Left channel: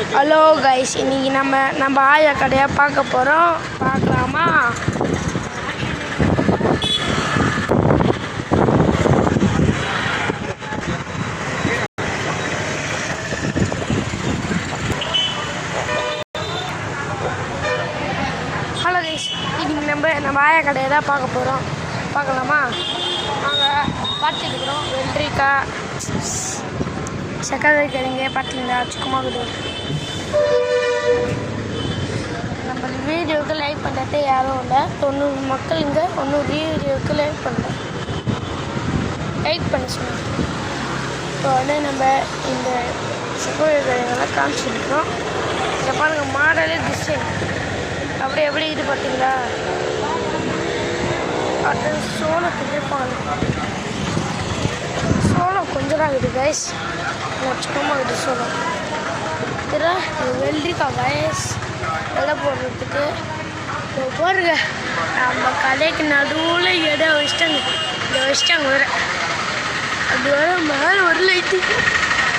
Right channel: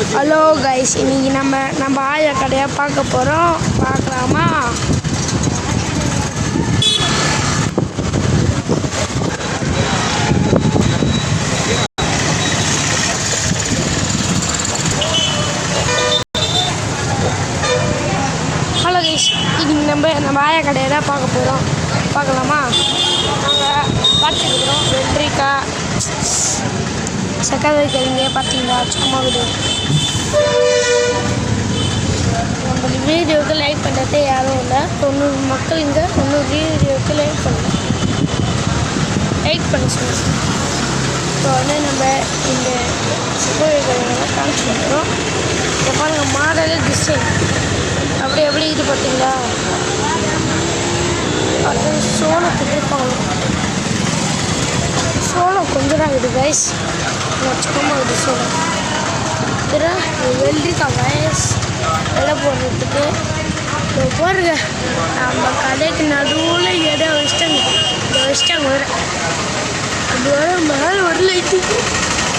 Hello guys, இன்னைக்கு நம்ம ஆயா கடையை பார்க்க போகிறோம். பார்க்கலாமா? ஹலோ கைஸ், இன்னைக்கு நம்ம ஆயா கடையை தான் பார்க்க போகிறோம். பார்க்கலாமா? நாங்கள் பார்த்துருக்குறோம். வெள்ளரிக்காய், சக்கரை கிழங்கு பார்த்தீங்களா, சும்மா இருக்குது. நம்ம வீடியோவுக்கு லைக் பண்ணுறது யாரும் இல்லை. 90 மக்கள் இங்கே 90 வீடியோவுக்கு லைக் பண்ணல. லைக் பண்ண சொல்லி இப்போ நம்ம இந்த சக்கரை கிழங்கெல்லாம் காமிச்சிருக்கிறோம். இதை பாருங்கள், மாடலு டிசைன் அப்படி எப்படி இது பார்த்தீங்களா. அது சோளத்துக்கு பார்க்கலாம். சோளம் கொஞ்சம் தான் இருக்குது கைஸ், சும்மா இருக்குது சோளம். வெள்ளரிக்காய் வயசு விலை போடுறதுக்கு பாருங்க. நம்ம கடைக்கு நடுவில் இடம் வச்சிட்டாங்க. இதை வச்சிட்டாங்க வர அது வர மேலே ஒரு லைட்டு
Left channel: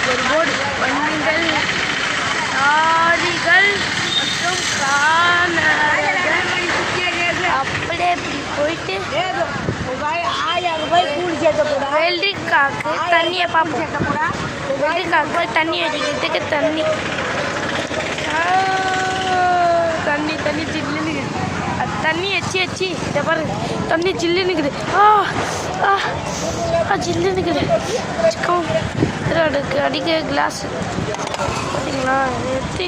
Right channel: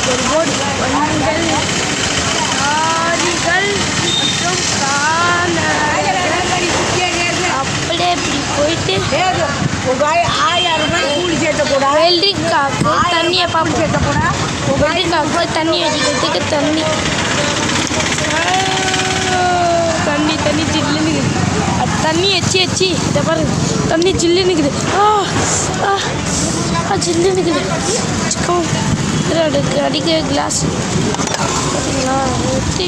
ஒரு போர்டு வண்டிகள் லாரிகள் மற்றும் அப்படியே இப்படி போயிட்டு வெள்ளரிக்காய்க்கு தண்ணியை பார்ப்போம். வெள்ளரிக்காய்க்கு போய் தண்ணி அடிக்கிறதுக்கு தண்ணி ஜில்லுன்னு இருக்குது. அது தண்ணி வச்சு இதை பாரு, தண்ணி ஜில்லுன்னு இருக்குது. ஜில்லுன்னு இருக்குது. அதுக்கு அடிக்க கிளாஸ் பார்த்தீங்களா, ஊற்றி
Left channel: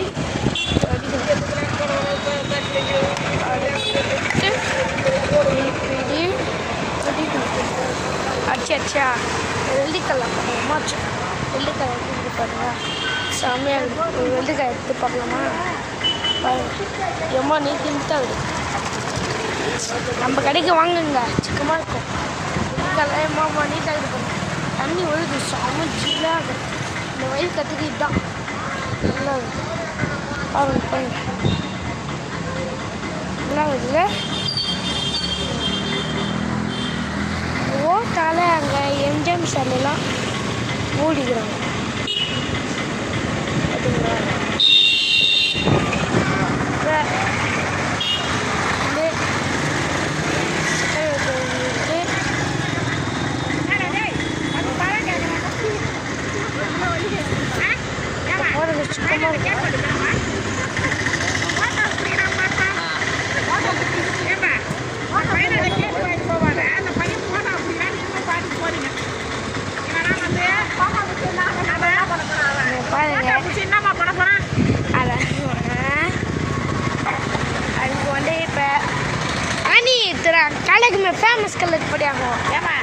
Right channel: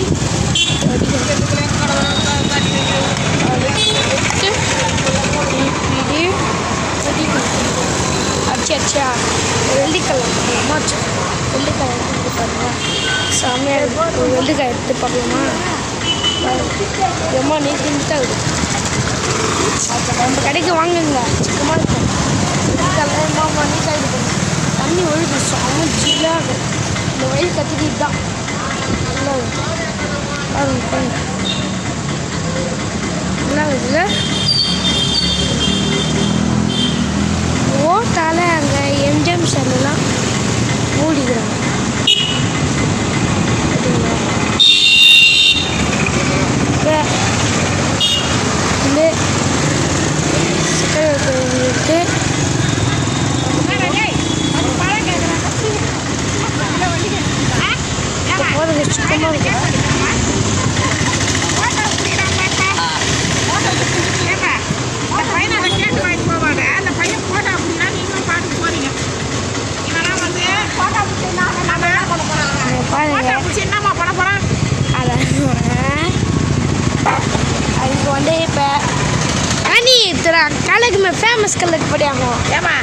அடிச்சா வெள்ளிக்காய் மாச்சு. வெள்ளிக்காய் எடுத்து பாருங்க, செம்மையாக ஒரு வெள்ளிக்காய் எடுத்து பார்க்கலாமா? எம்மா நீட்டாக இருக்குது. நம்ம கடைக்கு வாங்குங்க, சிக்கமாக இருக்கும். வெள்ளிக்காயெல்லாம் எம்மா நீட்டாக இருக்கும். தண்ணி ஒழுகு செம்ம ஜில்லாக. இந்த வயல் கற்றுக்கிட்டு தான் நல்லா பாருங்க. நல்லா இருக்குல்ல. ஓட்டால அங்கே எம்ஜிஎம் செல்லாம் மூடிக்கிறாங்க. சுத்தமாக இருக்கு. அதுக்கு வந்து இப்போ அணி கலெக்ட் ஃபேமஸ் கலெக்ட் படியாகும். ஏமா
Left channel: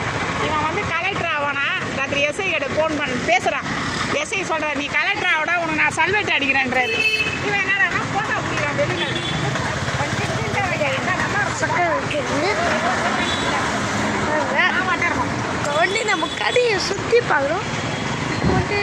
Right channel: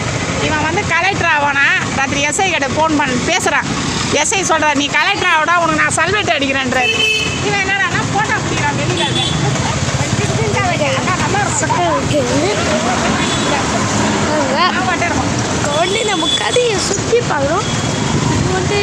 இவன் வந்து கலெக்டர் ஆவானா? ராத்திரி எஸ்ஐ கிட்ட ஃபோன் பண்ணி பேசுகிறான். எஸ்ஐ சொல்கிறார், நீ கலெக்டர் ஆகடா, உனக்கு நான் சல்வேட் அடிக்கிறேன்றாரு. இவன் என்னடா ஃபோட்டோ பிடிக்கிறான் வெளியில். சக்கரை வைக்கிறது வந்து நம்ம கடையை சுற்றி பார்க்குறோம். இப்போ வந்து